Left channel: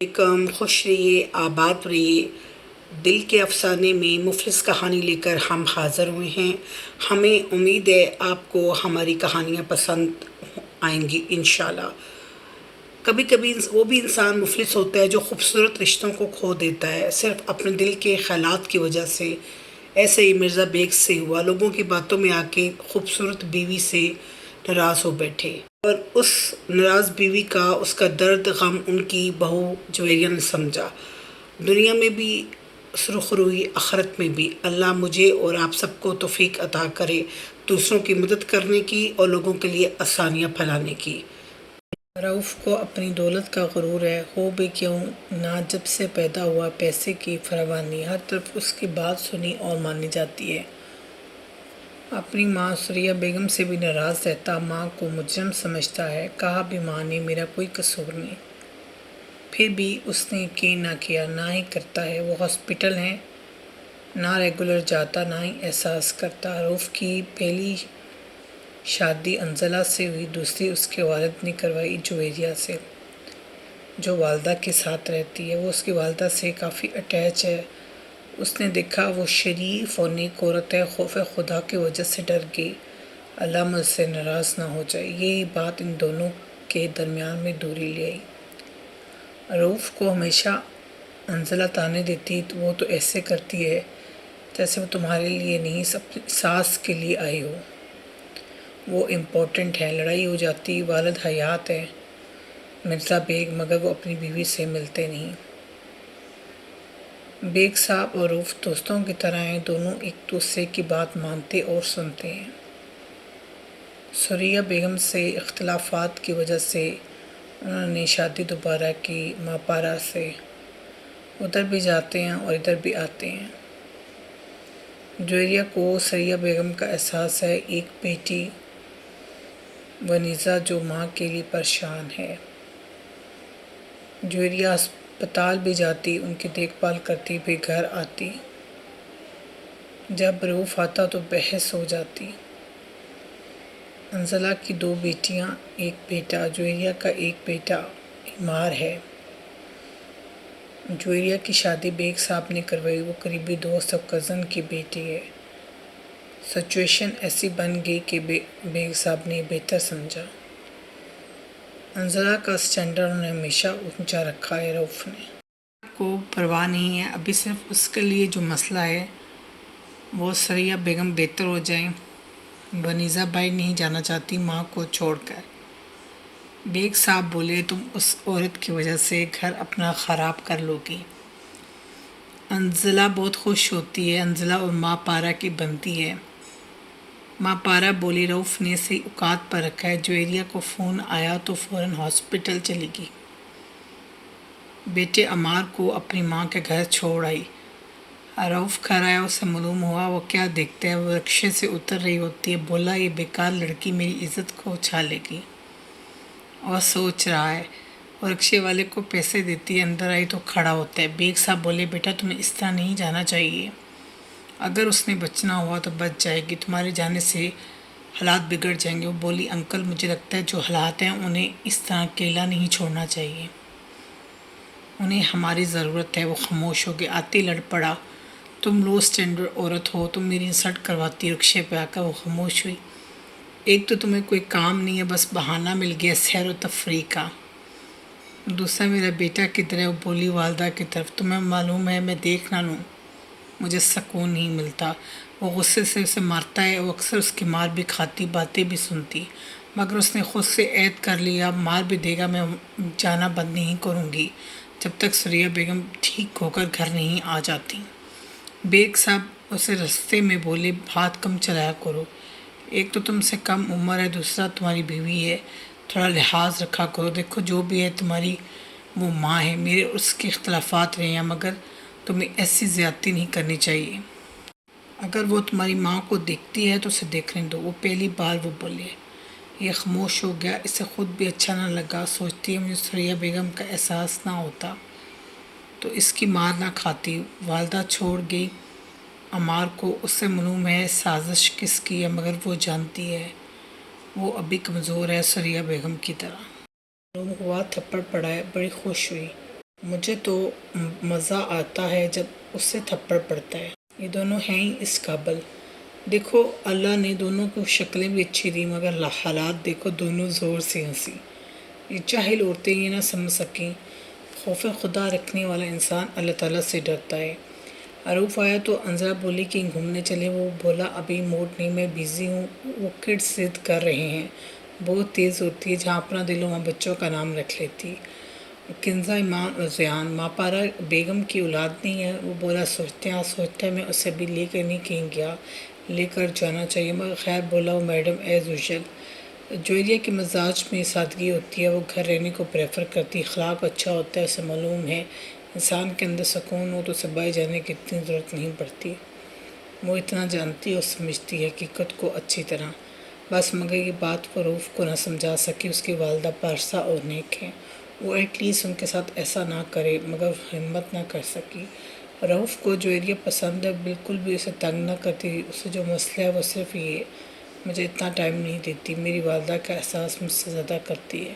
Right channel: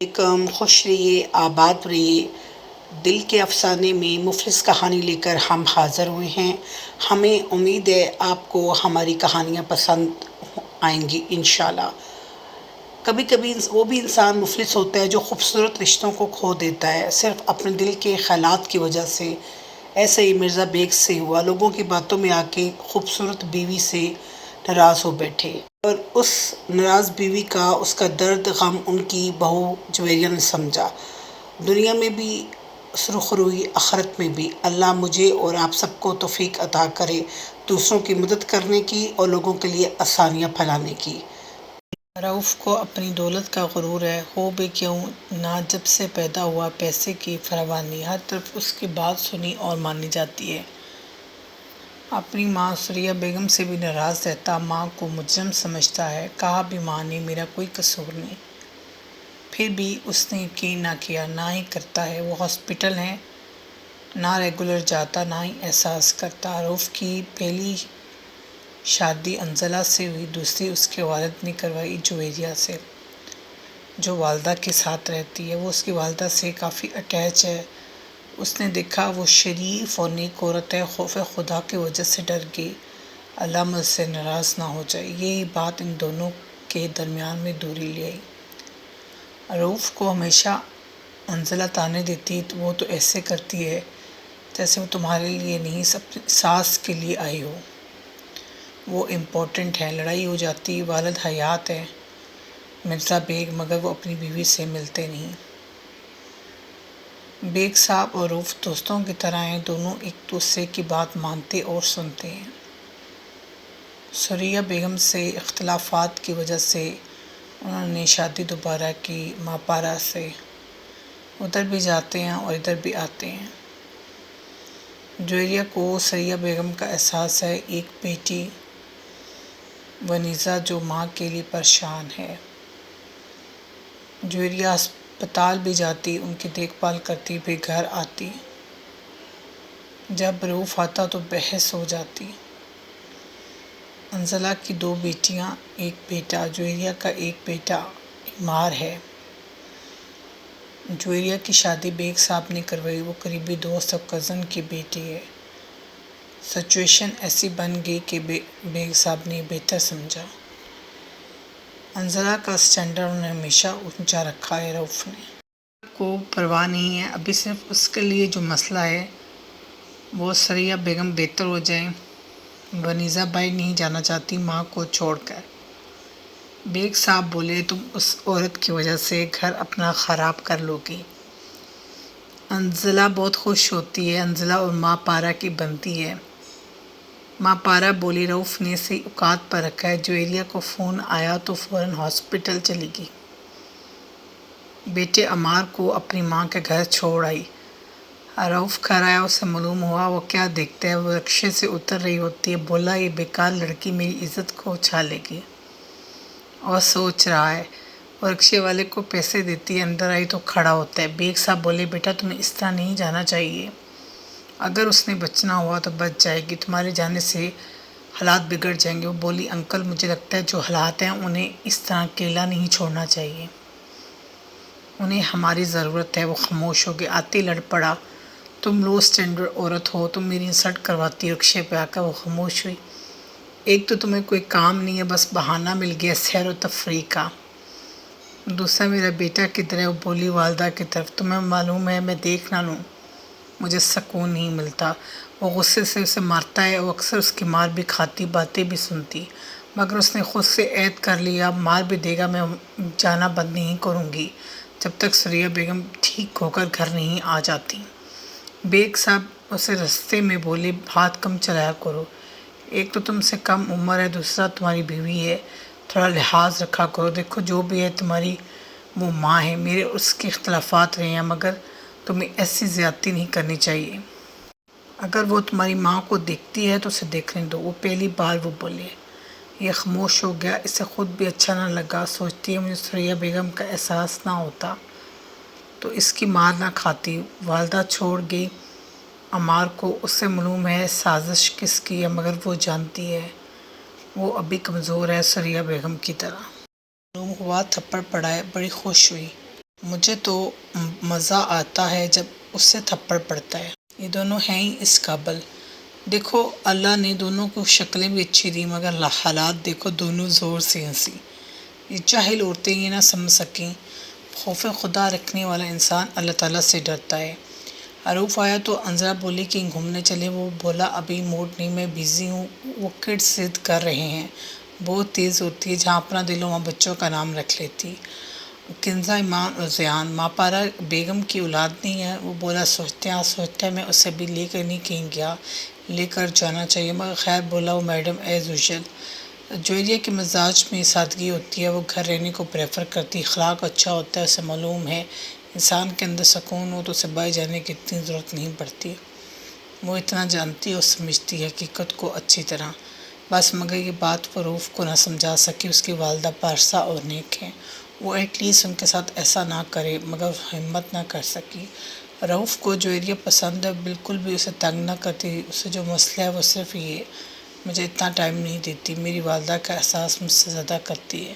خوش رہیے، آباد رہیے۔ دل کے افسانے میں مفلس کہانی لے کر ہم حاضر ہوئے ہیں۔ ہمیں امید ہے آپ کو ہماری کہانیاں پسند آئیں گی انشاءاللہ۔ کبھی کبھی وہ بھی انسان مفلس ہوتا ہے جو خوبصورت رشتوں کو کھو دیتا ہے صرف اپنے دل کے خیالات کی وجہ سے۔ ایسے ہی مرزا بیگ سے ہوا، لوگوں کی باتوں میں آ کے خوبصورت بیوی سے ناراض ہو بیٹھے، اور اس ناراض بیوی کا اس کا درد غم ان کی بہو جویریہ نے سمجھا۔ دنیا میں بھی سرخ روئی، آخرت میں بھی۔ اللہ مجھے اور آپ سب کو توفیق عطا کرے دوسروں کی مدد کرنے کی اور لوگوں کے لیے آسانیاں پھیلانے کی۔ رؤف کو اپنی دولت کا غرور ہے، ہو بھی کیوں نہ جب سے پیدا ہوا پیسے کی فراوانی ہر طرف اس کی بات سنی اور مانی جاتی ہے۔ اپنی ماں ثریا بیگم سے بھی ناراض رہتا، ماں کو مجرم سمجھتا ہے۔ کہا بھی ماں نے میرا کوئی قصور نہیں، پھر بھی اس نے یقین نہ کیا، نہ ہی کرتا ہے۔ وہ ہاسپٹل ہے، نہ ریگولر جاتا، نہ ہی احساس کرتا۔ رؤف کی پہلی شادی انزلہ سے ہوئی، دوسری اس کے والد نے کروائی جویریہ سے، جو والدہ کے ساتھ رہتی ہے۔ وہ اس کی والدہ سے کافی اٹیچ ہے۔ اس نے دیکھا وہ شریف اور نیک عورت ہے، خوف خدا کی وجہ سے ڈر گئی، اللہ مجھ سے ناراض نہ ہو جائے۔ یہی بات ان دونوں کے درمیان میں دوری لے آئی۔ رؤف کو ہمیشہ انزلہ طعنے دیتی، وہ تو ایسے کرتی ہے جیسے وہ تمہارے لیے نہیں اپنی ساس کے لیے آئی ہو، وہ امپورٹنٹ ہے۔ لڑائی ہو جاتی، والد حیات ہے مرزا بیگ، مگر وہ اپنی بیوی سے ملتے نہیں۔ بیگ صاحب اور رؤف دوستوں کی طرح ہیں، دونوں ایک دوسرے کی بات مانتے اور سنتے ہیں۔ ثریا بیگم سے اختلافات کی وجہ سے انہوں نے شادی دوبارہ کی ماپارا سے۔ ادھر بھی جاتے ہیں اور ادھر بھی آتے ہیں۔ جویریہ کو ثریا بیگم کا احساس ہے، ایک بیٹی ونیزا جو ماں کے لیے پریشان ہے۔ جویریہ ہسپتال بھی جاتی، ان کی دیکھ بھال کرتی، پھر گھر آتی۔ جب رؤف آتا تو بحث ہو جاتی۔ انزلہ کی 2 بیٹیاں، ایک بیٹا۔ جویریہ کا ایک بیٹا بیمار ہے۔ جویریہ کی شادی بیگ صاحب نے کروائی، وہ قریبی دوست اور کزن کی بیٹی ہے۔ سچویشن ایسی بن گئی کہ بیگ صاحب نے بہتر سمجھا۔ انزلہ کا سٹینڈرڈ انہوں نے ہمیشہ اونچا رکھا ہے۔ رؤف نے کو پرواہ نہیں ہے، ابھی صرف اس کے لیے جو مسئلہ ہے وہ ثریا بیگم بہتر ہو جائیں۔ ونیزا بائی نہیں جانا چاہتی ماں کو چھوڑ کر۔ بیگ صاحب بولے تم اس عورت کی وجہ سے گھر اپنا خراب کر لو گی۔ انزلہ بہت خوش ہوتی ہے، انزلہ اور ماں پارا کی بنتی ہے۔ ماں پارا بولی رؤف نے صحیح اوقات پر رکھا ہے۔ جویریہ کو فون آیا تو فوراً ہاسپٹل چلی گئی، بیٹے عمار کو اپنی ماں کے گھر چھوڑ آئی۔ رؤف گھر آیا، اسے معلوم ہوا، وہ کیا دیکھتا ہے، وہ رکشے سے اتر رہی ہوتی ہے۔ بولا یہ بیکار لڑکی میری عزت کو اچھالے گی، اور سوچ رہا ہے۔ وہ رکشے والے کو پیسے دیتی ہے، اندر آئی تو کھڑا ہوتا ہے۔ بیگ صاحب بولے بیٹا تمہیں اس طرح نہیں جانا چاہیے، اگر اس نے بچنا ہوا تو بچ جائے گی، تمہارے جانے سے حالات بگڑ جائیں گے۔ وہ بولی انکل مجھے لگتا ہے جو حالات ہیں انہیں اس طرح اکیلا نہیں چھوڑنا چاہیے، انہیں ہماری ضرورت ہے۔ وہ خاموش ہو گئے۔ آتے لڑ پڑا، تم لو سٹینڈرڈ عورت ہو، تم میری انسلٹ کرواتی ہو رکشے پہ آ کر۔ وہ خاموش ہوئی۔ ایک تو تمہیں کوئی کام نہیں ہے، بس بہانہ مل گیا سیر و تفریح کا، دوسرا میرا بیٹا کدھر ہے؟ وہ بولی والدہ کی طرف۔ تمہیں معلوم ہے میں دیکھ نہ لوں مجھے سکون نہیں ملتا۔ وہ غصے سے اسے مارتا ہے، وہ اکثر اس کی مار بھی کھاتی، باتیں بھی سنتی، مگر اس نے خود سے عہد کر لیا مار بھی دے گا میں جانا بند نہیں کروں گی جب تک ثریا بیگم ٹھیک ہو کر گھر نہیں آ جاتی۔ بیگ صاحب اسے رستے میں بولے ہاتھ کم چلایا کرو، ایک تو تم سے کم عمر ہے، دوسرا تمہاری بیوی ہے، تھوڑا لحاظ رکھا کرو۔ دیکھو جو بھی ہے تمہاری وہ ماں ہے، میرے اس کے اختلافات رہے ہیں، مگر تمہیں ایسی زیادتی نہیں کرنی چاہیے۔ اگر وہ تمہاری ماں کو دیکھتی ہے تو اسے دیکھنے دو۔ وہ پہلی بار وہ بولے۔ یہ خاموش ہو گیا، اسے خود بھی اچھا نہ لگا۔ سوچتی ہے مجھے ثریا بیگم کا احساس نہ ہوتا تو اس کی مار نہ کھاتی۔ والدہ چھوڑ گئی عمار کو، اس سے معلوم ہے سازش کس کی ہے، مگر وہ جانتی ہے وہ ابھی کمزور ہے ثریا بیگم کی طرح۔ معلوم ہوا تھپڑ پڑا ہے، بڑی خوش ہوئی۔ مجھے تو مزہ آتا ہے جب اس سے تھپڑ پڑتا ہے، یہ دونوں ہیں ہی اس قابل۔ دیکھو اللہ نے دونوں کو شکلیں بھی اچھی دی مگر حالات دیکھو، دونوں زور سے ہنسی۔ یہ جاہل عورتیں یہ نہ سمجھ سکیں، خوف خدا رکھنے والا انسان اللہ تعالیٰ سے ڈرتا ہے۔ عروف آیا تو انزلہ بولی کہ گھومنے چلے، وہ بولا ابھی موڈ نہیں، میں بیزی ہوں، وہ کڈز ضد کر رہے ہیں، بہت تیز ہوتی ہے، جہاں اپنا دل ہو وہاں بچوں کا نام رکھ لیتی۔ کنزہ ایمان اور زیان ماپارا بیگم کی اولاد نہیں ہے، وہ بولا سوچتا ہے میں اسے ابھی لے کر نہیں کہیں گیا، لے کر جانا چاہیے مگر خیر بولا وہ میڈم ایز یوزول۔ جویریہ کے مزاج میں سادگی ہوتی ہے، وہ گھر رہنے کو پریفر کرتی، اخلاق اچھا ہوتا ہے، اسے معلوم ہے انسان کے اندر سکون ہو تو اسے باہر جانے کی اتنی ضرورت نہیں پڑتی، وہ اتنا جانتی اور سمجھتی ہے حقیقت کو اچھی طرح، بس مگر یہ بات وہ رؤوف کو نہ سمجھا سکی۔ اس کی والدہ پارسا اور نیک ہے، وہ ایٹ لیسٹ ان کے ساتھ ایسا نہ کرے، مگر ہمت نہ کر سکی۔ رؤوف کو جویریہ پسند ہے، بالکل بھی اسے تنگ نہ کرتی، اسے جو مسئلہ ہے وہ صرف یہ مجھے اتنا ٹائم نہیں دیتی، میری والدہ کا احساس مجھ سے زیادہ کرتی ہے۔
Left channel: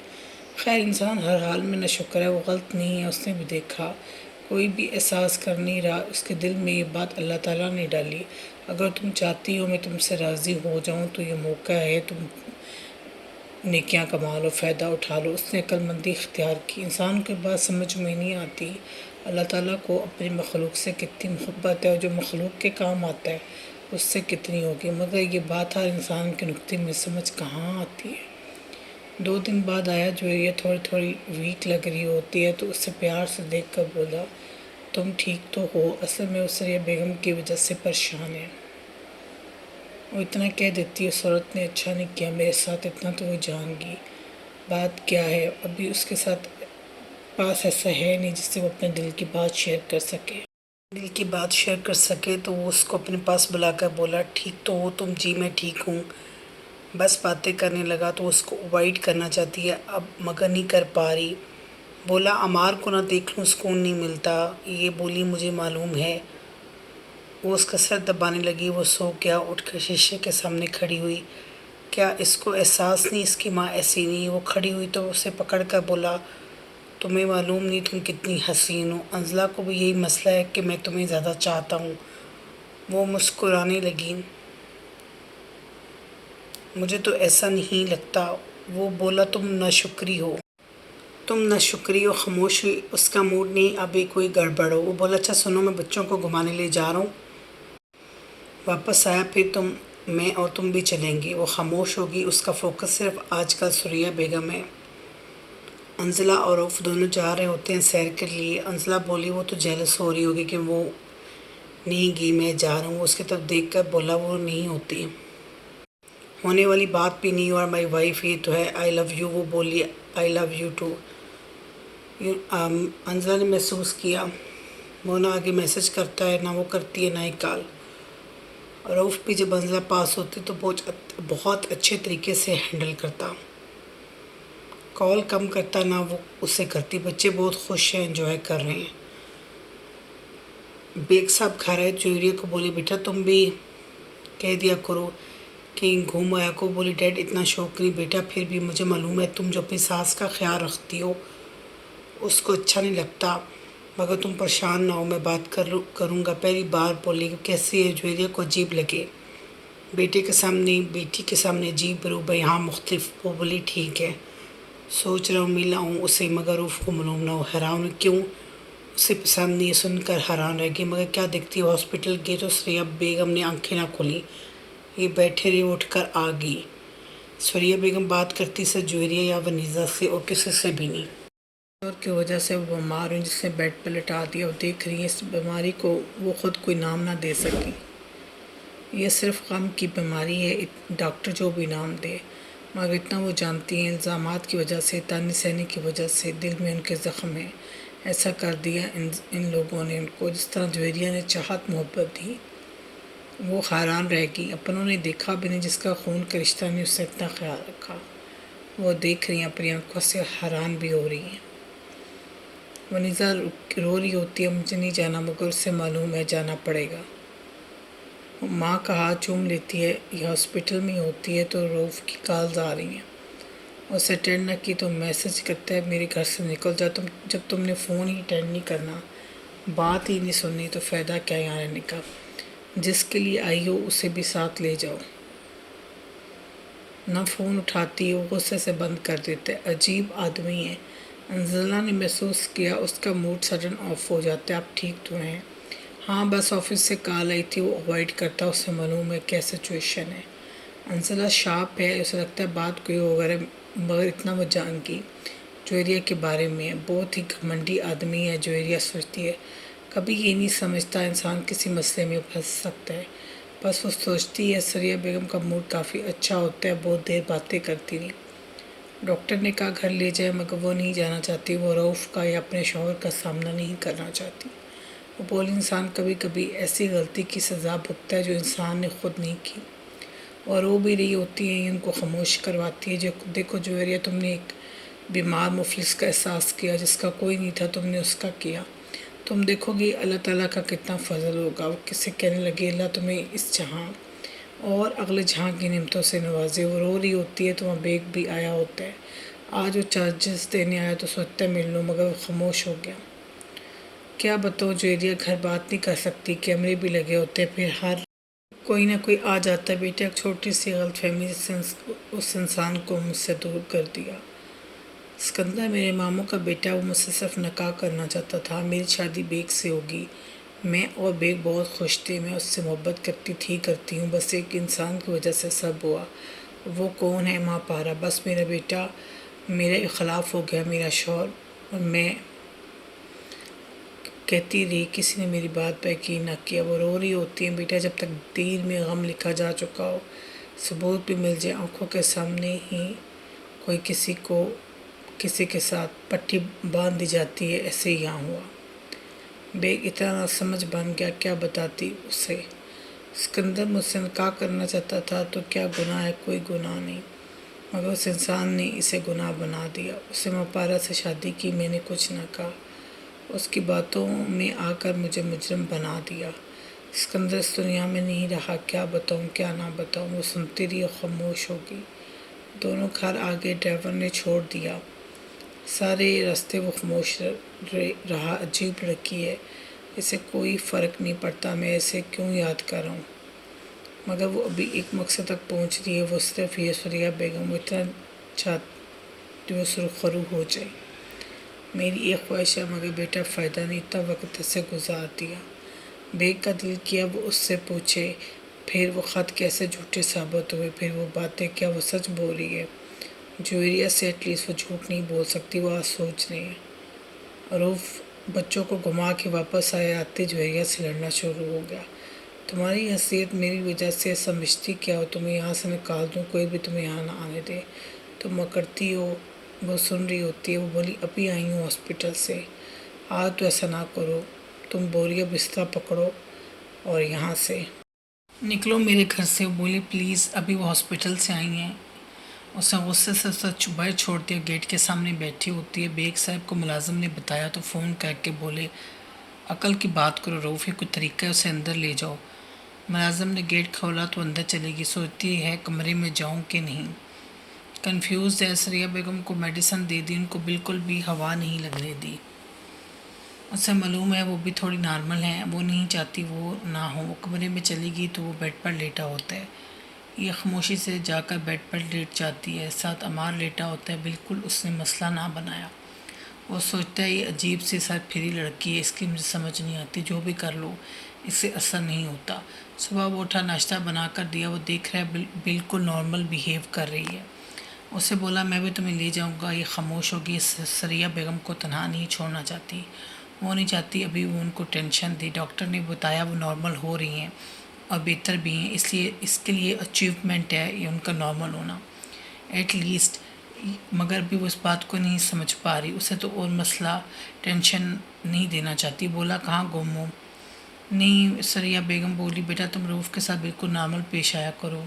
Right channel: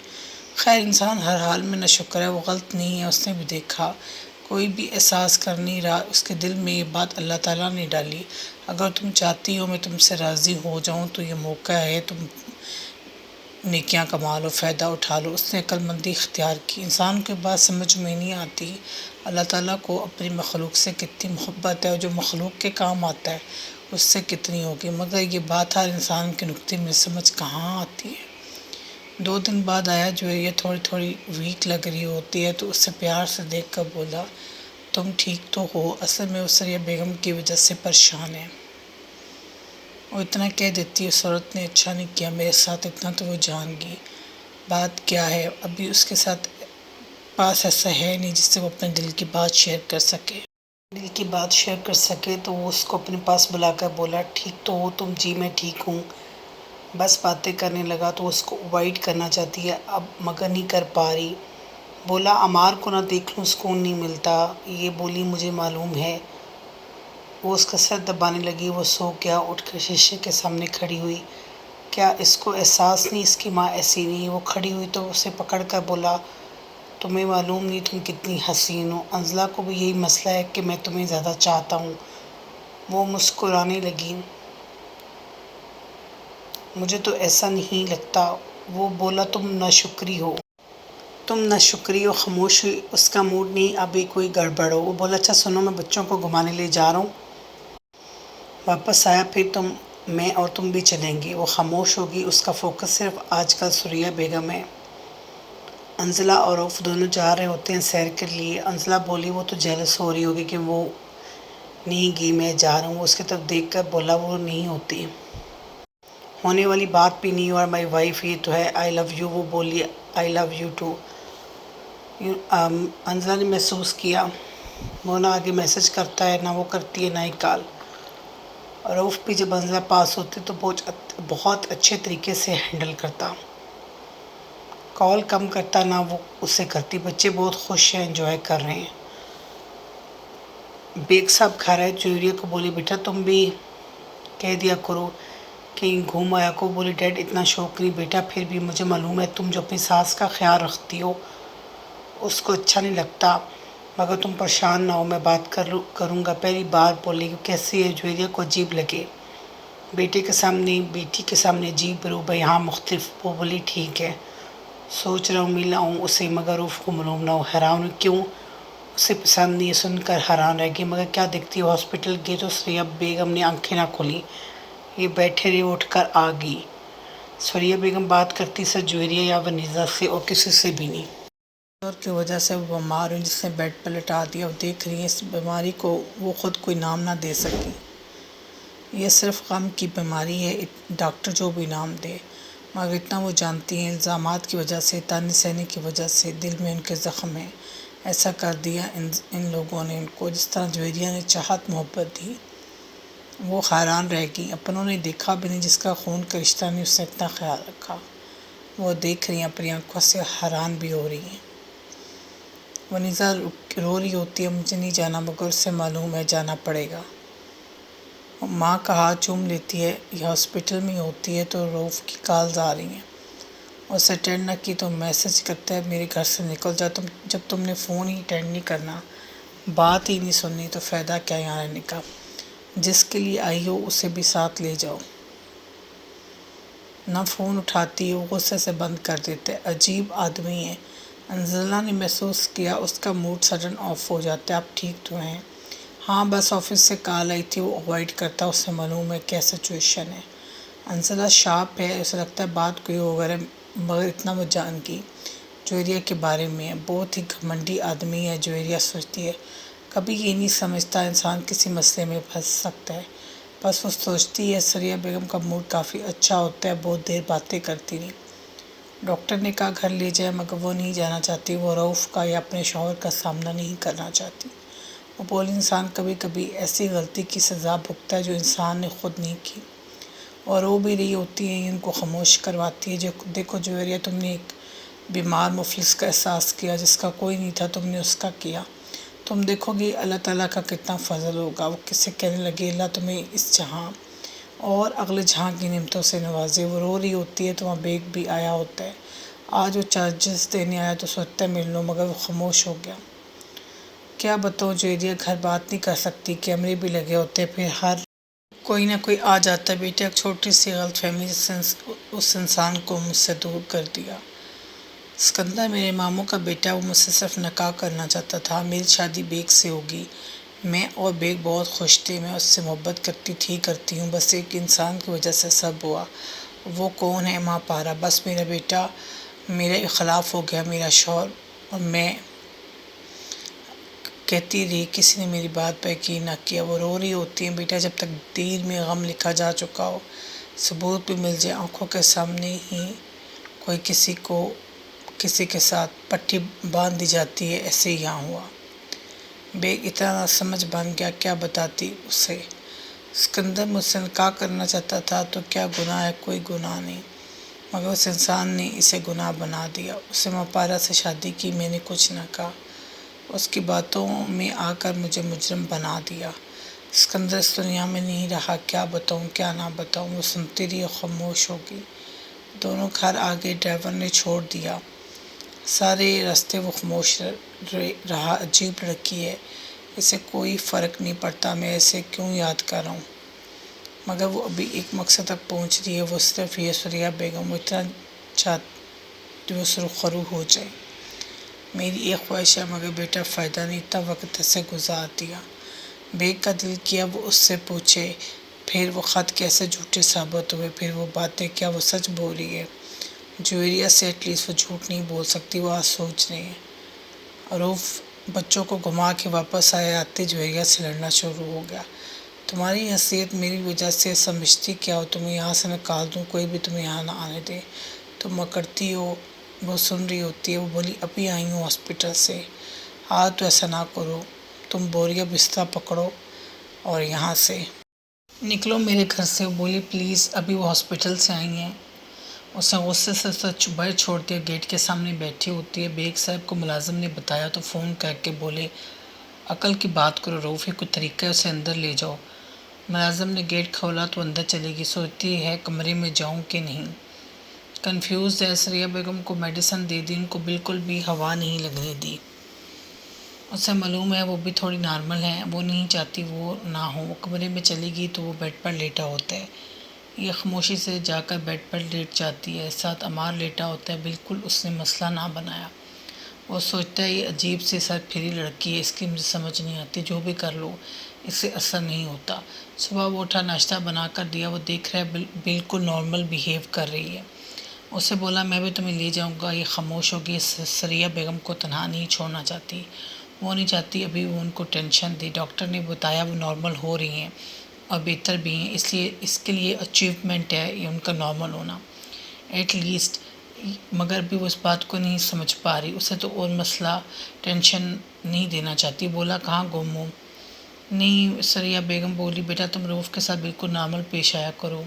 خیر انسان ہر حال میں نہ شکر ہے، وہ غلط نہیں ہے، اس نے بھی دیکھا کوئی بھی احساس کر نہیں رہا، اس کے دل میں یہ بات اللہ تعالیٰ نے ڈالی، اگر تم چاہتی ہو میں تم سے راضی ہو جاؤں تو یہ موقع ہے، تم نیکیاں کما لو، فائدہ اٹھا لو۔ اس نے عقل مندی اختیار کی۔ انسان کے بات سمجھ میں نہیں آتی اللہ تعالیٰ کو اپنی مخلوق سے کتنی محبت ہے، اور جو مخلوق کے کام آتا ہے اس سے کتنی ہوگی، مگر یہ بات ہر انسان کے نقطے میں سمجھ کہاں آتی ہے۔ 2 دن بعد آیا، جویریہ تھوڑی ویک لگ رہی ہوتی ہے تو اس سے پیار سے دیکھ کر بولا تم ٹھیک تو ہو؟ اصل میں اس ثریا بیگم کی وجہ سے پریشان ہے۔ وہ اتنا کہہ دیتی اس عورت نے اچھا نہیں کیا میرے ساتھ، اتنا تو وہ جان گی۔ بات کیا ہے؟ ابھی اس کے ساتھ پاس ایسا ہے نہیں جس سے وہ اپنے دل کی بات شیئر کر سکے۔ دل کی بات شیئر کر سکے تو وہ اس کو اپنے پاس بلا کر بولا ٹھیک تو ہو تم؟ جی میں ٹھیک ہوں۔ بس باتیں کرنے لگا تو اس کو اوائڈ کرنا چاہتی ہے اب مگر نہیں کر پا رہی۔ بولا عمار کو نہ دیکھ لوں سکون نہیں ملتا، یہ بولی مجھے معلوم ہے۔ وہ اس کا سر دبانے لگی، وہ سو گیا، اٹھ کر شیشے کے سامنے کھڑی ہوئی۔ کیا اس کو احساس نہیں اس کی ماں ایسی نہیں؟ وہ کھڑی ہوئی تو اسے پکڑ کر بولا تمہیں معلوم نہیں تم کتنی حسین ہو، انزلہ کو بھی یہی مسئلہ ہے کہ میں تمہیں زیادہ چاہتا ہوں۔ وہ مسکرانے لگی، مجھے تو ایسا نہیں لگتا۔ وہ بولا تم ناشکری ہو، تم ناشکری ہو۔ خاموش ہوئی، اس کا موڈ نہیں ابھی کوئی گڑبڑ ہو۔ وہ بولا اچھا سنو، میں بچوں کو گھمانے لے جا رہا ہوں، واپس آیا پھر میں اور تم بھی چلیں گے۔ وہ خاموش ہوگی، اس کا فوکس صرف آج کل ثریا بیگم ہے۔ انزلہ اور رؤوف دونوں جا رہے ہوتے ہیں سیر کے لیے۔ انزلہ بولی وہ تو جیلس ہو رہی ہوگی کہ وہ نہیں گئی، میں جا رہا ہوں۔ وہ اس کی طرف دیکھ کر بولا وہ نہیں ہوتی، ہونے والی بات بھی نہیں، اور مائی وائف یہ تو ہے، آئی لو یو۔ وہ بولی آئی لو یو ٹو۔ انزلہ نے محسوس کیا وہ نہ آگے میسج کرتا ہے، نہ وہ کرتی ہے، نہ ہی کال۔ رؤوف بھی جب انزلہ پاس ہوتی تو بہت اچھے طریقے سے ہینڈل کرتا، کال کم کرتا نہ وہ اسے کرتی۔ بچے بہت خوش ہیں، انجوائے کر رہے ہیں۔ بیگ صاحب گھر آئے، جویریہ کو بولے بیٹا تم بھی کہہ دیا کرو کہیں گھوم آیا کو۔ بولے ڈیڈ اتنا شوق نہیں بیٹا، پھر بھی مجھے معلوم ہے تم جو اپنی ساس کا خیال رکھتی ہو اس کو اچھا نہیں لگتا، مگر تم پریشان نہ ہو، میں بات کروں گا۔ پہلی بار بولے کیسی ہے؟ جویریہ کو عجیب لگے، بیٹی کے سامنے عجیب روبہ یہاں مختلف۔ وہ بولی ٹھیک ہے، سوچ رہا ہوں مل آؤں اسے، مگر رؤوف کو معلوم نہ ہو۔ حیران کیوں اسے پسند نہیں؟ سن کر حیران رہ گئی، مگر کیا دیکھتی ہے؟ ہاسپٹل گئے تو ثریا بیگم نے آنکھیں نہ کھولیں، یہ بیٹھے رہے، اٹھ کر آ گئی۔ ثریا بیگم بات کرتی سر جویریہ یا ونیزا سے اور کسی سے بھی نہیں۔ دور کی وجہ سے وہ بیمار ہوئی جس نے بیڈ پر لٹا دیا۔ وہ دیکھ رہی ہیں اس بیماری کو، وہ خود کوئی نام نہ دے سکی، یہ صرف غم کی بیماری ہے، ڈاکٹر جو بھی نام دے، مگر اتنا وہ جانتی ہیں الزامات کی وجہ سے، طعنے سہنے کی وجہ سے دل میں ان کے زخم ہیں، ایسا کر دیا ان لوگوں نے ان کو جس طرح جویریہ نے چاہت محبت دی۔ وہ حیران رہ گئی، اپنوں نے دیکھا بھی نہیں، جس کا خون کا رشتہ نہیں اس سے اتنا خیال رکھا۔ وہ دیکھ رہی ہیں اپنی آنکھوں سے، حیران بھی ہو رہی ہیں۔ ونیزا رو رہی ہوتی ہے مجھے نہیں جانا، مگر اسے معلوم ہے جانا پڑے گا۔ ماں کا ہاتھ چوم لیتی ہے، یہ ہاسپٹل میں ہوتی ہے تو رؤوف کی کالز آ رہی ہیں۔ اسے اٹینڈ نہ کی تو میسج کرتا ہے میرے گھر سے نکل جا، جب تم نے فون ہی اٹینڈ نہیں کرنا، بات ہی نہیں سننی تو فائدہ کیا یہاں رہنے کا، جس کے لیے آئی ہو اسے بھی ساتھ لے جاؤ۔ نہ فون اٹھاتی ہے، وہ غصے سے بند کر دیتا ہے۔ عجیب آدمی ہے۔ انزلہ نے محسوس کیا اس کا موڈ سڈن آف ہو جاتا ہے۔ آپ ٹھیک تو ہیں؟ ہاں بس آفس سے کال آئی تھی، وہ اوائڈ کرتا، اسے معلوم ہے کیا سچویشن ہے۔ انزلہ شارپ ہے، اسے لگتا ہے بات کوئی اور ہے، مگر اتنا وہ جان گئی جویریہ کے بارے میں ہے۔ بہت ہی گھمنڈی آدمی ہے، جویریہ سوچتی ہے۔ کبھی یہ نہیں سمجھتا انسان کسی مسئلے میں پھنس سکتا ہے۔ بس وہ سوچتی ہے سریہ بیگم کا موڈ کافی اچھا ہوتا ہے، بہت دیر باتیں کرتی رہی۔ ڈاکٹر نے کہا گھر لے جائے، مگر وہ نہیں جانا چاہتی۔ وہ رؤف کا یا اپنے شوہر کا سامنا نہیں کرنا چاہتی۔ وہ بولی انسان کبھی کبھی ایسی غلطی کی سزا بھگتا ہے جو انسان نے خود نہیں کی، اور رو بھی رہی ہوتی ہے، ان کو خاموش کرواتی ہے۔ دیکھو جویریہ، تم نے ایک بیمار مفلس کا احساس کیا جس کا کوئی نہیں تھا، تم نے اس کا کیا۔ تم دیکھو گی اللہ تعالیٰ کا کتنا فضل ہوگا۔ وہ کسے کہنے لگے اللہ تمہیں اس جہاں اور اگلے جہاں کی نعمتوں سے نوازے۔ وہ رو رہی ہوتی ہے تو وہاں بیگ بھی آیا ہوتا ہے۔ آج وہ چارجز دینے آیا تو سوچتا ہے مل لو، مگر وہ خاموش ہو گیا۔ کیا بتاؤ جویریہ، گھر بات نہیں کر سکتی، کیمرے بھی لگے ہوتے ہیں، پھر ہر کوئی نہ کوئی آ جاتا ہے۔ بیٹا ایک چھوٹی سی غلط فہمی اس انسان کو مجھ سے دور کر دیا۔ اسکندر میرے ماموں کا بیٹا، وہ مجھ سے صرف نکاح کرنا چاہتا تھا۔ میری شادی بیگ سے ہوگی۔ میں اور بیگ بہت خوش تھے، میں اس سے محبت کرتی ہوں، بس ایک انسان کی وجہ سے سب ہوا۔ وہ کون ہے؟ ماں پارا۔ بس میرا بیٹا میرے خلاف ہو گیا، میرا شوہر، اور میں کہتی رہی، کسی نے میری بات پر یقین نہ کیا۔ وہ رو رہی ہوتی ہیں بیٹا جب تک تقدیر میں غم لکھا جا چکا ہو، ثبوت بھی مل جائے، آنکھوں کے سامنے ہی کوئی کسی کے ساتھ پٹی باندھ دی جاتی ہے، ایسے ہی یہاں ہوا۔ بیگ اتنا نہ سمجھ بن گیا، کیا بتاتی اسے؟ اسکندر مجھ سے نکاح کرنا چاہتا تھا تو کیا گناہ ہے؟ کوئی گناہ نہیں، مگر اس انسان نے اسے گناہ بنا دیا۔ اسے ماں پارا سے شادی کی، میں نے کچھ نہ کہا، اس کی باتوں میں آ کر مجھے مجرم بنا دیا۔ اسکندر اس دنیا میں نہیں رہا، کیا بتاؤں کیا نہ بتاؤں۔ وہ سنتی رہی اور خاموش ہو گئی۔ دونوں گھر آگے ڈرائیور نے چھوڑ دیا، سارے راستے وہ خاموش رہا۔ عجیب لڑکی ہے، اسے کوئی فرق نہیں پڑتا میں اسے کیوں یاد کر رہا ہوں، مگر وہ ابھی ایک مقصد تک پہنچ رہی ہے، وہ صرف یہ سریہ بیگم، وہ اتنا چاہتی وہ سرخرو ہو جائے۔ میری ایک خواہش ہے، مگر بیٹا فائدہ نہیں، اتنا وقت ایسے گزار دیا۔ بیگ کا دل کیا وہ اس سے پوچھے، پھر وہ خط کیسے جھوٹے ثابت ہوئے، پھر وہ باتیں کیا وہ سچ بول رہی ہے؟ جویریہ سے ایٹ لیسٹ وہ جھوٹ نہیں بول سکتی، وہ آج سوچ رہی ہے۔ روف بچوں کو گھما کے واپس آتے جویریہ سے لڑنا شروع ہو گیا۔ تمہاری حیثیت میری وجہ سے سمجھتی کیا ہو؟ تمہیں یہاں سے نکال دوں، کوئی بھی تمہیں یہاں نہ آنے دے، تم مکرتی ہو۔ وہ سن رہی ہوتی ہے۔ وہ بولی ابھی آئی ہوں ہاسپٹل سے، آج تو ایسا نہ کرو، تم بوریا بستر پکڑو اور یہاں سے نکلو میرے گھر سے۔ وہ بولی پلیز، ابھی وہ ہاسپٹل سے آئی ہیں۔ اس نے غصے سے باہر چھوڑ دیا، گیٹ کے سامنے بیٹھی ہوتی ہے۔ بیگ صاحب کو ملازم نے بتایا تو فون کر کے بولے عقل کی بات کرو روف، کوئی طریقہ ہے اسے اندر لے جاؤ۔ ملازم نے گیٹ کھولا تو اندر چلے گی، سوچتی ہے کمرے میں جاؤں کہ نہیں۔ کنفیوزڈ ہے، سریہ بیگم کو میڈیسن دے دی، ان کو بالکل بھی ہوا نہیں لگنے دی۔ اسے معلوم ہے وہ بھی تھوڑی نارمل ہیں، وہ نہیں چاہتی وہ نہ ہو۔ وہ کمرے میں چلی گئی تو وہ بیڈ پر لیٹا ہوتا ہے، یہ خاموشی سے جا کر بیڈ پر لیٹ جاتی ہے، ساتھ عمار لیٹا ہوتا ہے، بالکل اس نے مسئلہ نہ بنایا۔ وہ سوچتا ہے یہ عجیب سی سر پھری لڑکی ہے، اس کی مجھے سمجھ نہیں آتی، جو بھی کر لو اس سے اثر نہیں ہوتا۔ صبح وہ اٹھا، ناشتہ بنا کر دیا، وہ دیکھ رہا ہے بالکل نارمل بیہیو کر رہی ہے۔ اسے بولا میں بھی تمہیں لے جاؤں گا۔ یہ خاموش ہوگی، سریہ بیگم کو تنہا نہیں چھوڑنا چاہتی، وہ نہیں چاہتی ابھی وہ ان کو ٹینشن دے۔ ڈاکٹر نے بتایا وہ نارمل ہو رہی ہیں اور بہتر بھی ہیں، اس کے لیے اچیومنٹ ہے یہ ان کا نارمل ہونا ایٹ لیسٹ، مگر ابھی وہ اس بات کو نہیں سمجھ پا رہی۔ اسے تو اور مسئلہ ٹینشن نہیں دینا چاہتی۔ بولا کہاں گم ہو؟ نہیں، سریہ بیگم بولی بیٹا تم روف کے ساتھ بالکل نارمل پیش آیا کرو،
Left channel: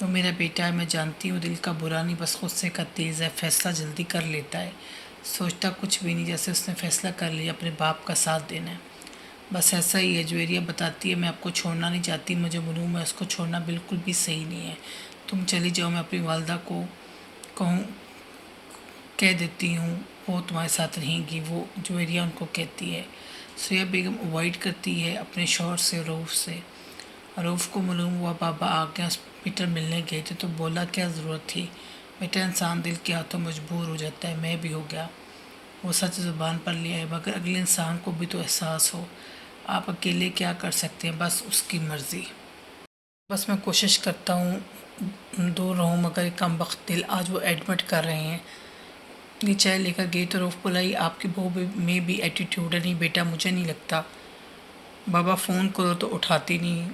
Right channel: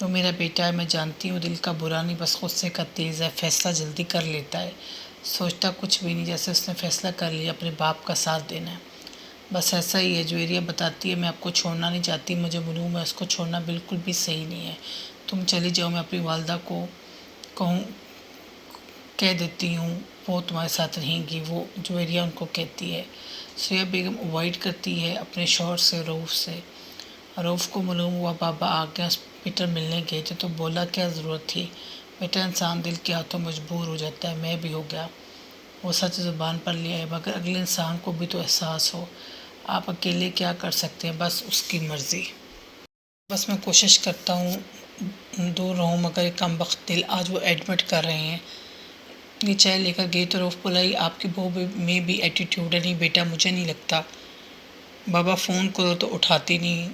وہ میرا بیٹا ہے، میں جانتی ہوں دل کا برا نہیں، بس غصے کا تیز ہے، فیصلہ جلدی کر لیتا ہے، سوچتا کچھ بھی نہیں، جیسے اس نے فیصلہ کر لیا اپنے باپ کا ساتھ دینا ہے، بس ایسا ہی ہے۔ جویریہ بتاتی ہے میں آپ کو چھوڑنا نہیں چاہتی، مجھے معلوم ہے اس کو چھوڑنا بالکل بھی صحیح نہیں ہے، تم چلی جاؤ، میں اپنی والدہ کو کہہ دیتی ہوں وہ تمہارے ساتھ رہیں گی، وہ جویریہ ان کو کہتی ہے۔ سریہ بیگم اوائڈ کرتی ہے اپنے شوہر سے، رؤف سے۔ رؤف کو معلوم ہوا بابا آ کے ہاسپٹل ملنے گئے تھے تو بولا کیا ضرورت تھی، بیٹا انسان دل کے ہاتھوں مجبور ہو جاتا ہے، میں بھی ہو گیا۔ وہ سچ زبان پر لے آئے، مگر اگلے انسان کو بھی تو احساس ہو، آپ اکیلے کیا کر سکتے ہیں، بس اس کی مرضی۔ بس میں کوشش کرتا ہوں دور رہوں، مگر ایک کم بخت دل، آج وہ ایڈمٹ کر رہے ہیں۔ یہ چائے لے کر گئی تو رؤف بولا یہ آپ کی بہو میں بھی ایٹیٹیوڈ ہے۔ نہیں بیٹا مجھے نہیں لگتا، بابا فون کرو تو اٹھاتی نہیں۔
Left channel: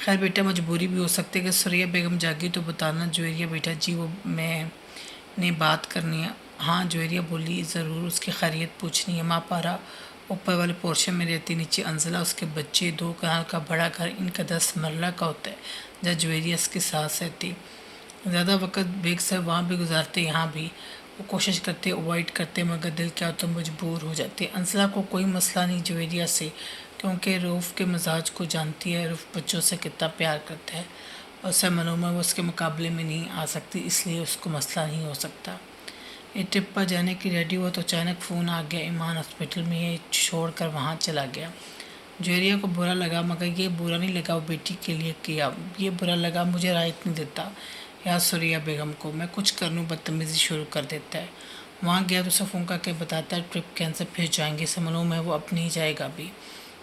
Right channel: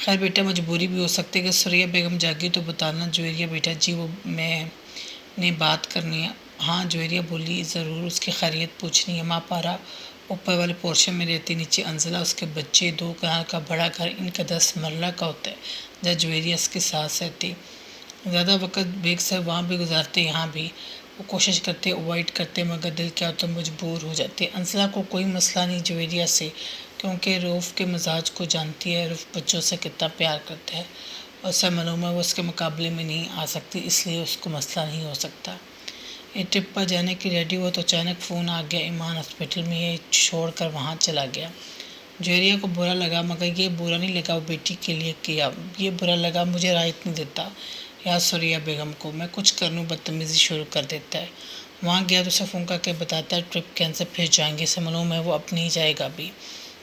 خیر بیٹا مجبوری بھی ہو سکتی ہے کہ سریہ بیگم جاگی تو بتانا۔ جویریہ بیٹا جی وہ میں نے بات کرنی ہے۔ ہاں جویریہ بولی ضرور، اس کی خیریت پوچھنی ہے۔ ماں پارا اوپر والے پورشن میں رہتی، نیچے انزلہ اس کے بچے، 2 کنال کا بڑا گھر، ان کا 10 مرلہ کا ہوتا ہے جہاں جویریہ اس کے ساتھ رہتی۔ زیادہ وقت بیگ صاحب وہاں بھی گزارتے، یہاں بھی وہ کوشش کرتے اوائڈ کرتے، مگر دل کیا تو مجبور ہو جاتے۔ انزلہ کو کوئی مسئلہ نہیں جویریہ سے، کیونکہ رؤف کے مزاج کو جانتی ہے، رؤف بچوں سے کتنا پیار کرتا ہے، اور اسے معلوم ہے وہ اس کے مقابلے میں نہیں آ سکتی، اس لیے اس کو مسئلہ نہیں ہو سکتا۔ یہ ٹرپ پر جانے کی ریڈی ہوا تو اچانک فون آ گیا، ایمان ہاسپٹل میں، یہ چھوڑ کر وہاں چلا گیا۔ جویریہ کو برا لگا، مگر یہ برا نہیں لگا وہ بیٹی کے لیے کیا، یہ برا لگا مجھے رعایت نہیں دیتا یا سریہ بیگم کو، میں کچھ کر لوں بدتمیزی شروع کر دیتا ہے۔ وہاں گیا تو اسے فون کر کے بتاتا ہے ٹرپ کینسل، پھر جائیں گے، اسے معلوم ہے وہ اب نہیں جائے گا بھی،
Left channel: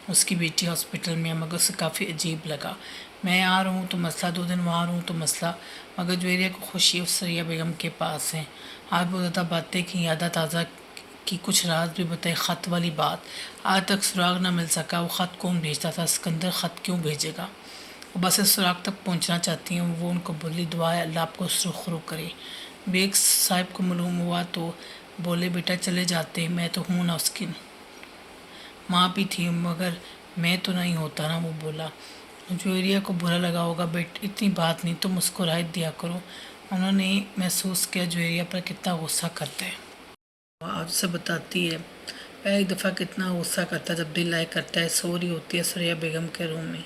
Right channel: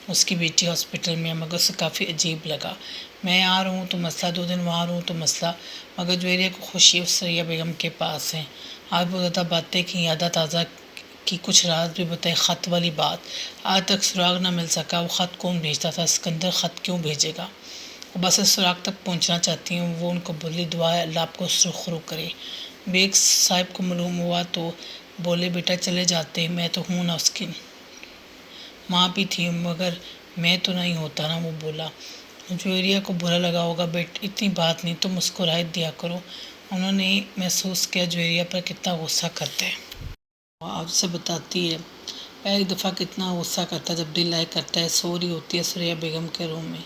اس کی بیٹی ہاسپٹل میں ہے، مگر اسے کافی عجیب لگا۔ میں آ رہا ہوں تو مسئلہ، 2 دن وہاں رہوں تو مسئلہ، مگر جویریہ کو خوشی ہے سریہ بیگم کے پاس ہے۔ آج بہت زیادہ باتیں کی، یادیں تازہ کی، کچھ راز بھی بتائے۔ خط والی بات آج تک سراغ نہ مل سکا، وہ خط کون بھیجتا تھا، اسکندر خط کیوں بھیجے گا، وہ بس اس سراغ تک پہنچنا چاہتی ہیں۔ وہ ان کو بولی دعا ہے اللہ آپ کو سرخرو کرے۔ بیگ صاحب کو معلوم ہوا تو بولے بیٹا چلے جاتے، میں تو ہوں نا، اس کی ماں بھی تھی، مگر میں تو نہیں ہوتا نا، وہ بولا۔ جویریہ کو برا لگا ہوگا، بیٹ اتنی بات نہیں، تم مسکرائے دیا کرو۔ انہوں نے محسوس کیا جویریہ پر کتنا غصہ کرتا ہے۔ آج اسے بتاتی ہے ایک دفعہ کتنا غصہ کرتا ہے جب دل لائے کرتا ہے۔ سو رہی ہوتی ہے سریہ بیگم کے روم میں،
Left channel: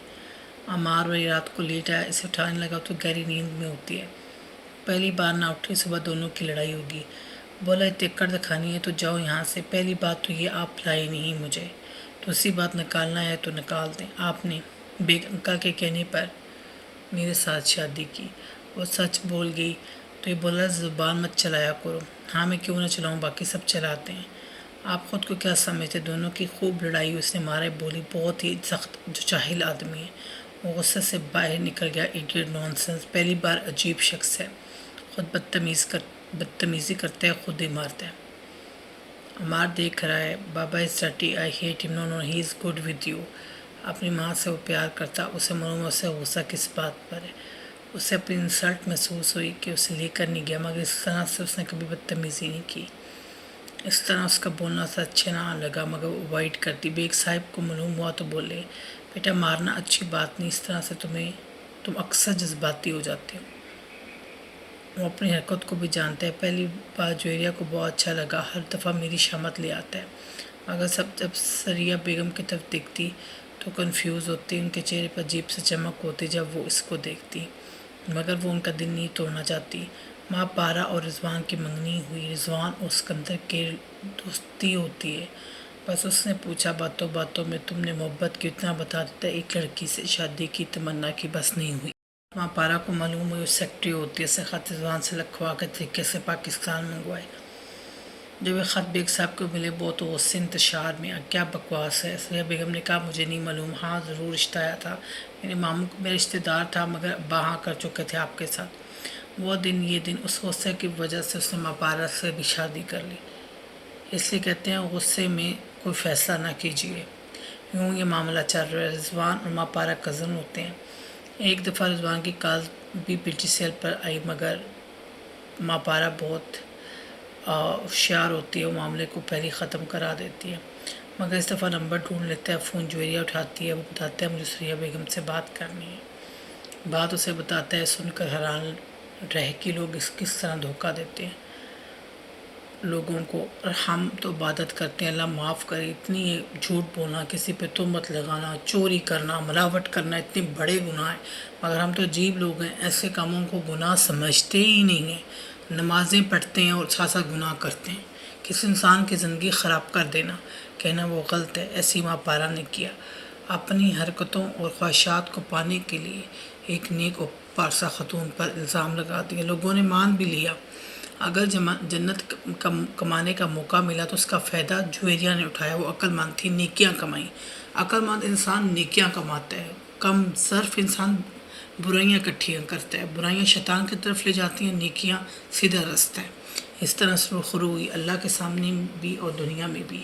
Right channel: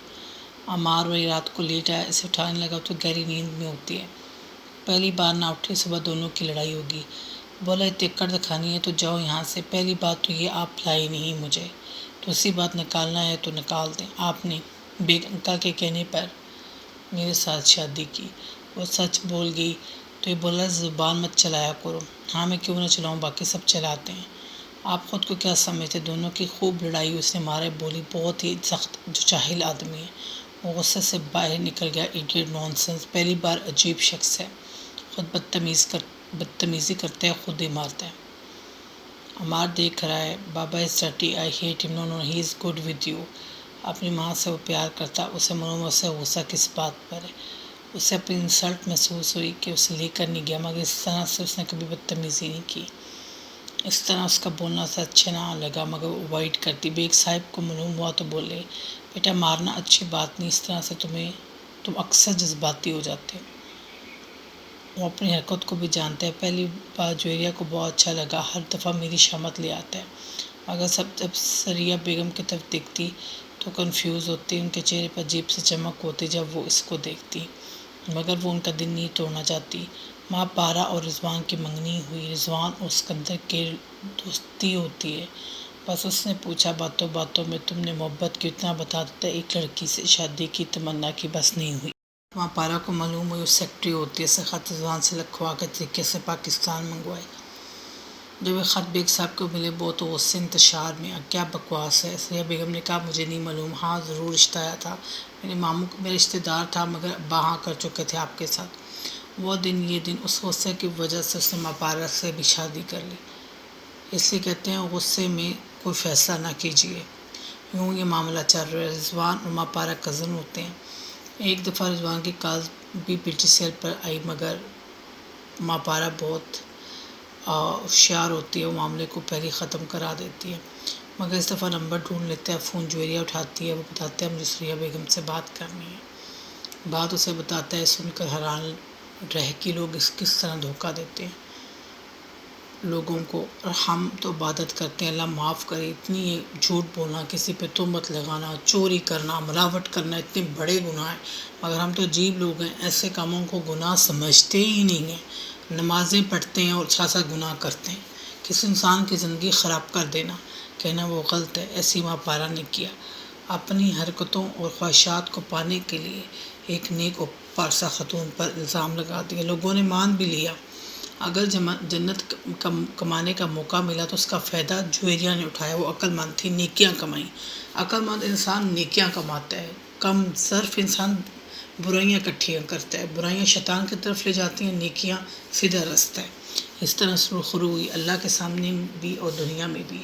عمار وہی رات کو لیٹ آیا، اسے اٹھانے لگا تو گہری نیند میں ہوتی ہے۔ پہلی بار نہ اٹھی، صبح دونوں کی لڑائی ہوگی۔ بولا اتکڑ دکھانی ہے تو جاؤ یہاں سے، پہلی بات تو یہ آپ لائے نہیں مجھے، دوسری بات نکالنا ہے تو نکال دیں، آپ نے بیگ انکل کے کہنے پر میرے ساتھ شادی کی۔ وہ سچ بول گئی تو یہ بولا زبان مت چلایا کرو۔ ہاں میں کیوں نہ چلاؤں، باقی سب چلاتے ہیں، آپ خود کو کیا سمجھتے۔ دونوں کی خوب لڑائی، اس نے مارے، بولی بہت ہی سخت، جو جاہل آدمی ہے۔ وہ غصے سے باہر نکل گیا، ایڈیٹ نونسنس، پہلی بار عجیب شخص ہے، خود بدتمیزی کرتا ہے، خود ہی مارتا ہے۔ عمار دیکھ رہا ہے، بابا از ڈرٹی، آئی ہیٹ ہم، نو نو ہی از گڈ ود یو۔ اپنی ماں سے وہ پیار کرتا، اسے معلوم ہے اسے غصہ کس بات پر ہے۔ اسے اپنی انسلٹ محسوس ہوئی کہ اسے لے کر نہیں گیا، مگر اس طرح سے اس نے کبھی بدتمیزی نہیں کی، اس طرح اس کا بولنا اسے اچھا نہ لگا، مگر وہ اوائڈ کرتی۔ بیگ صاحب کو معلوم ہوا تو بولے بیٹا مارنا اچھی بات نہیں، اس طرح سے تم اکثر جذباتی ہو جاتے ہو۔ وہ اپنی حرکت کو بھی جانتا ہے۔ پہلی بار جویریہ کو بہت اچھا لگا، ہر دفعہ میری شامت لے آتا ہے، مگر جب سریہ بیگم کی طرف دیکھتی تو کنفیوز ہوتی، ان کے چہرے پر عجیب سے چمک ہوتی جب وہ اس کو دیکھتی، مگر وہ ان کا دل نہیں توڑنا چاہتی۔ ماں پارا اور رضوان کی منگنی ہوئی، رضوان اور اسکندر کے دوستی ہوتی ہے، بس اس نے پوچھا باتوں باتوں میں تم نے محبت کی، اتنا بتا دیتا ایک لڑکی سے شادی کی تمنا کی، بس نہیں ہوئی۔ ماں پارا کو معلوم ہوئی وہ سیکٹری ہوتی ہے، اسے خط رضوان سے لکھوا کے طریقے سے پاکستان منگوائے۔ جب یہ خط بیگ صاحب کو ملے بہت غصے انتشار میں، کیا بکواس ہے۔ سریہ بیگم نے کہا مجھے نہیں معلوم، ہاں ضرور رشتہ آیا تھا، میرے ماموں میرے رشتہ دار تھا، مگر ابا ہاں کر چکے تھے آپ کے ساتھ۔ وہ دن یہ دن، اس غصے کی وجہ سے اس نے ماں پارا سے بھی شادی کر لی، اس لیے کہتے ہیں غصے میں کوئی فیصلہ نہ کیجیے۔ یوں یہ معاملہ چل رہا ہے۔ رضوان اور ماں پارا کزن ہوتے ہیں۔ ایک دفعہ رضوان کی کال بھی پی سی ایل پر آئی، مگر ماں پارا بہت ہوشیار ہوتی ہے، وہ معاملے کو پہلے ختم کرا دیتی ہے، مگر اس دفعہ نمبر ڈھونڈ لیتا ہے، فون جویریہ اٹھاتی ہے، وہ بتاتا ہے مجھے سریہ بیگم سے بات کرنی ہے۔ بات اسے بتاتا ہے، سن کر حیران رہ کہ لوگ کس طرح دھوکہ دیتے ہیں لوگوں کو، اور ہم تو عبادت کرتے ہیں اللہ معاف کرے، اتنی جھوٹ بولنا، کسی پہ تہمت لگانا، چوری کرنا، ملاوٹ کرنا، اتنے بڑے گناہ ہیں، مگر ہم تو عجیب لوگ ہیں، ایسے کاموں کو گناہ سمجھتے ہی نہیں ہیں۔ نمازیں پڑھتے ہیں اور ساتھ ساتھ گناہ کرتے ہیں۔ کسی انسان کی زندگی خراب کر دینا، کہنا وہ غلط ہے، ایسی ماں پارا نے کیا۔ اپنی حرکتوں اور خواہشات کو پانے کے لیے ایک نیک اور پارسہ خاتون پر الزام لگا دیا۔ لوگوں نے مان بھی لیا۔ اگر جنت کمانے کا موقع ملا تو اس کا فائدہ جویریہ نے اٹھایا۔ وہ عقل مند تھی، نیکیاں کمائیں۔ عقل مند انسان نیکیاں کماتا ہے، کم صرف انسان برائیاں اکٹھیاں کرتا ہے۔ برائیاں شیطان کی طرف لے جاتی ہیں، نیکیاں سیدھا راستہ ہے۔ اس طرح سرخرو ہوئی اللہ کے سامنے بھی اور دنیا میں بھی۔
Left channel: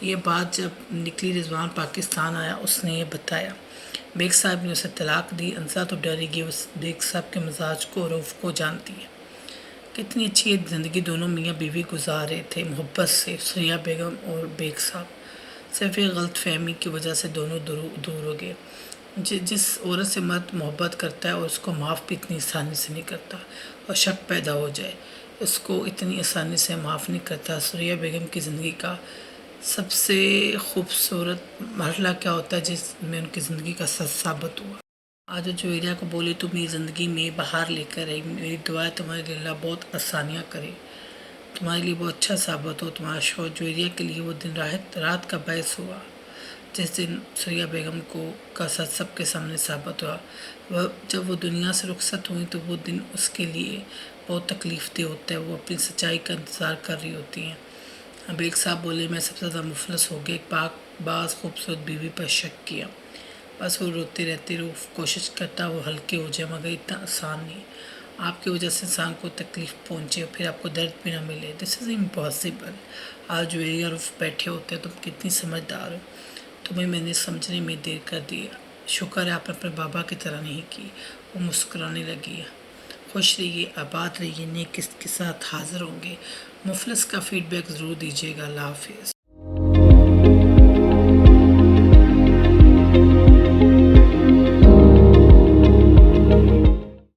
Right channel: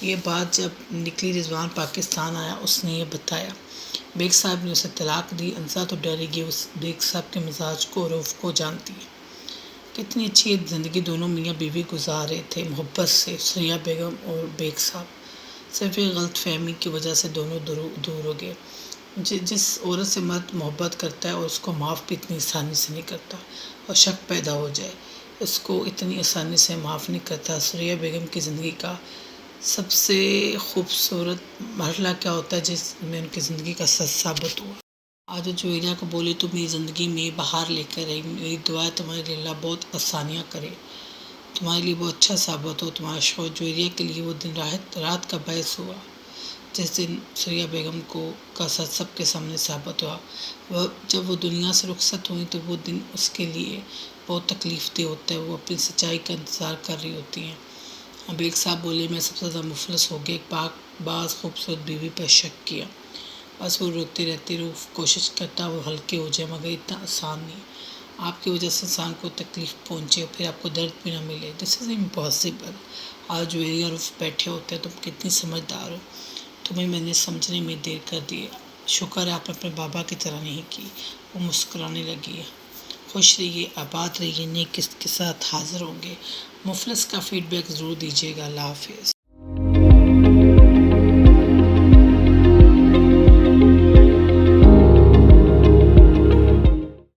یہ بات جب نکلی رضوان پاکستان آیا، اس نے یہ بتایا۔ بیگ صاحب نے اسے طلاق دی۔ انسا تو ڈری گئی، اس بیگ صاحب کے مزاج کو اور رعب کو جانتی ہے۔ کتنی اچھی زندگی دونوں میاں بیوی گزار رہے تھے، محبت سے، سریہ بیگم اور بیگ صاحب۔ صرف ایک غلط فہمی کی وجہ سے دونوں دور ہو گئے۔ جس عورت سے مرد محبت کرتا ہے اور اس کو معاف بھی اتنی آسانی سے نہیں کرتا اور شک پیدا ہو جائے، اس کو اتنی آسانی سے معاف نہیں کرتا۔ سریہ بیگم کی زندگی کا سب سے خوبصورت مرحلہ کیا ہوتا ہے جس میں ان کی زندگی کا سچ ثابت ہوا۔ آج جویریہ کو بولی تم میری زندگی میں باہر لے کر آئی، میری دعا ہے تمہارے لیے اللہ بہت آسانیاں کرے، تمہارے لیے بہت اچھا ثابت ہو۔ تمہارا شوہر جویریہ کے لیے وہ دن رات کا باعث ہوا جس دن سریہ بیگم کا سچ سب کے سامنے ثابت ہوا۔ جب وہ دنیا سے رخصت ہوئی تو وہ دن اس کے لیے بہت تکلیف دہ ہوتا ہے، وہ اپنی سچائی کا انتظار کر رہی ہوتی ہیں۔ بیگ صاحب بولے میں سب سے زیادہ مفلس ہو گیا، ایک پاک باز خوبصورت بیوی پر شک کیا، بس وہ روتے رہتے کوشش کرتا وہ ہلکے ہو جائے، مگر اتنا آسان نہیں۔ آپ کی وجہ سے انسان کو تکلیف پہنچے پھر آپ کو درد بھی نہ ملے، دس از امپاسبل۔ آج جویریہ اور بیٹھے ہوتے ہیں، تم کتنی سمجھدار ہو، تمہیں میں نے سمجھنے میں دیر کر دی، شکر ہے آپ نے اپنے بابا کی طرح نہیں کی۔ وہ مسکرانے لگی۔ خوش رہیے، آباد رہیے، نیک قسط کے ساتھ حاضر ہوں گے۔ مفلس کا فیڈ بیک ضرور دیجیے گا۔ اللہ حافظ۔